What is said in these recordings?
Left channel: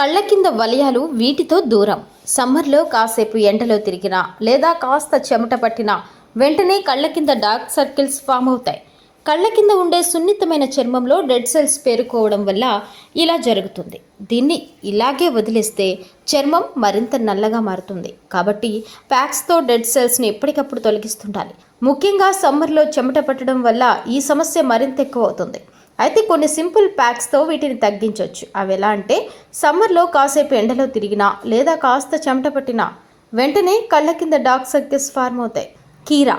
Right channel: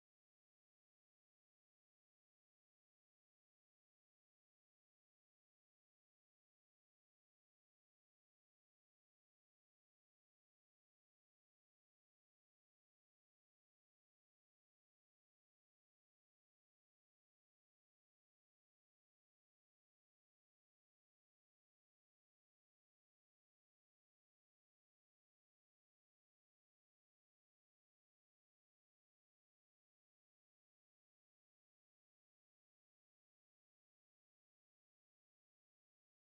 కళ్ళ కింద వలయాలు వీటితో దూరం. సమ్మర్లో కాసేపు ఎండలో తిరిగినా లేదా కాస్త చెమట పట్టినా వెంటనే కళ్ళ కింద డార్క్ సర్కిల్స్ ఫామ్ అవుతాయి. కళ్ళ కింద ఉండే సున్నితమైన చర్మంలో డెడ్ సెల్స్ పేరుకోవడం వల్ల ఇలా జరుగుతుంది. దీన్ని ఇలాగే వదిలేస్తే చర్మం మరింత నల్లగా మారుతుంది. కాబట్టి ప్యాక్స్తో డెడ్ సెల్స్ని ఎప్పటికప్పుడు తొలగిస్తుండాలి. ముఖ్యంగా సమ్మర్లో చెమట పట్టడం వల్ల ఈ సమస్య మరింత ఎక్కువ అవుతుంది. అయితే కొన్ని సింపుల్ ప్యాక్స్తో వీటిని తగ్గించవచ్చు అవి ఎలా అంటే సమ్మర్లో కాసేపు ఎండలో తిరిగినా లేదా కాస్త చెమట పట్టినా వెంటనే కళ్ళ కింద డార్క్ సర్కిల్స్ ఫార్మ్ అవుతాయి. కీరా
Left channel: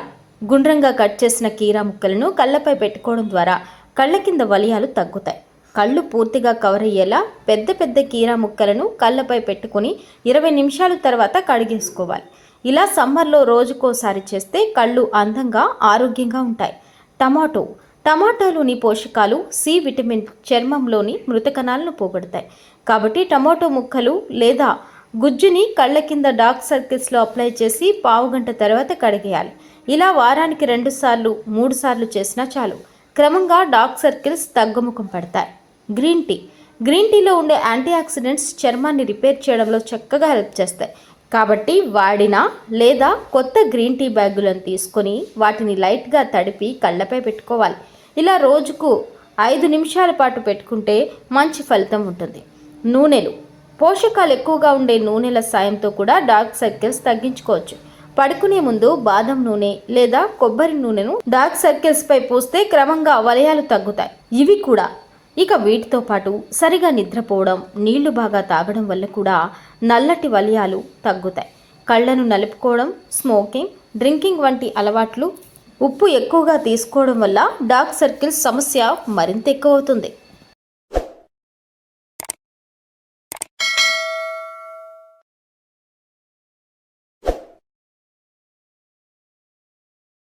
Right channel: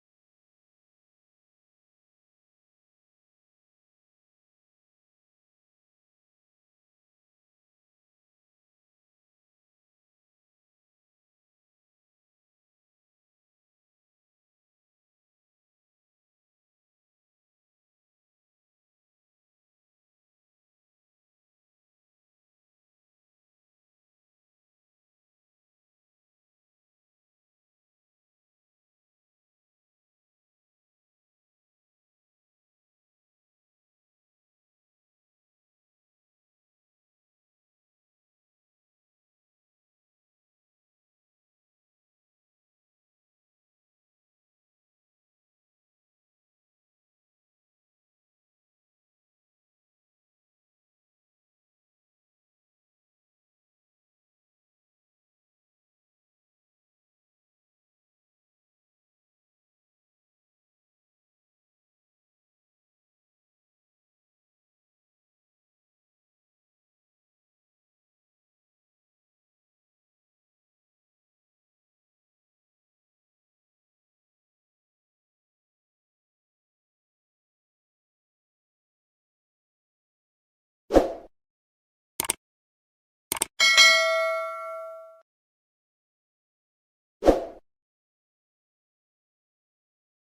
గుండ్రంగా కట్ చేసిన కీరా ముక్కలను కళ్ళపై పెట్టుకోవడం ద్వారా కళ్ళ కింద వలయాలు తగ్గుతాయి. కళ్ళు పూర్తిగా కవర్ అయ్యేలా పెద్ద పెద్ద కీరా ముక్కలను కళ్ళపై పెట్టుకుని ఇరవై నిమిషాల తర్వాత కడిగేసుకోవాలి. ఇలా సమ్మర్లో రోజుకోసారి చేస్తే కళ్ళు అందంగా ఆరోగ్యంగా ఉంటాయి. టమాటో టమాటోలోని పోషకాలు సి విటమిన్ చర్మంలోని మృత కణాలను పోగొడతాయి. కాబట్టి టమాటో ముక్కలు లేదా గుజ్జుని కళ్ళ కింద డార్క్ సర్కిల్స్లో అప్లై చేసి పావు గంట తర్వాత కడిగేయాలి. ఇలా వారానికి రెండు సార్లు మూడు సార్లు చేసినా చాలు. క్రమంగా డార్క్ సర్కిల్స్ తగ్గుముఖం పడతాయి. Green tea. గ్రీన్ టీలో ఉండే యాంటీ ఆక్సిడెంట్స్ చర్మాన్ని రిపేర్ చేయడంలో చక్కగా హెల్ప్ చేస్తాయి. కాబట్టి వాడిన లేదా కొత్త గ్రీన్ టీ బ్యాగులను తీసుకొని వాటిని లైట్గా తడిపి కళ్ళపై పెట్టుకోవాలి. ఇలా రోజుకు ఐదు నిమిషాల పాటు పెట్టుకుంటే మంచి ఫలితం ఉంటుంది. నూనెలు. పోషకాలు ఎక్కువగా ఉండే నూనెల సాయంతో కూడా డార్క్ సర్కిల్స్ తగ్గించుకోవచ్చు. పడుకునే ముందు బాదం నూనె లేదా కొబ్బరి నూనెను డార్క్ సర్కిల్స్ పై పూస్తే క్రమంగా వలయాలు తగ్గుతాయి. ఇవి కూడా. ఇక వీటితో పాటు సరిగా నిద్రపోవడం నీళ్ళు బాగా తాగడం వల్ల కూడా నల్లటి వలయాలు తగ్గుతాయి. కళ్ళను నలుపుకోవడం స్మోకింగ్ డ్రింకింగ్ వంటి అలవాట్లు ఉప్పు ఎక్కువగా తీసుకోవడం వల్ల డార్క్ సర్కిల్స్ సమస్య మరింత ఎక్కువ అవుతుంది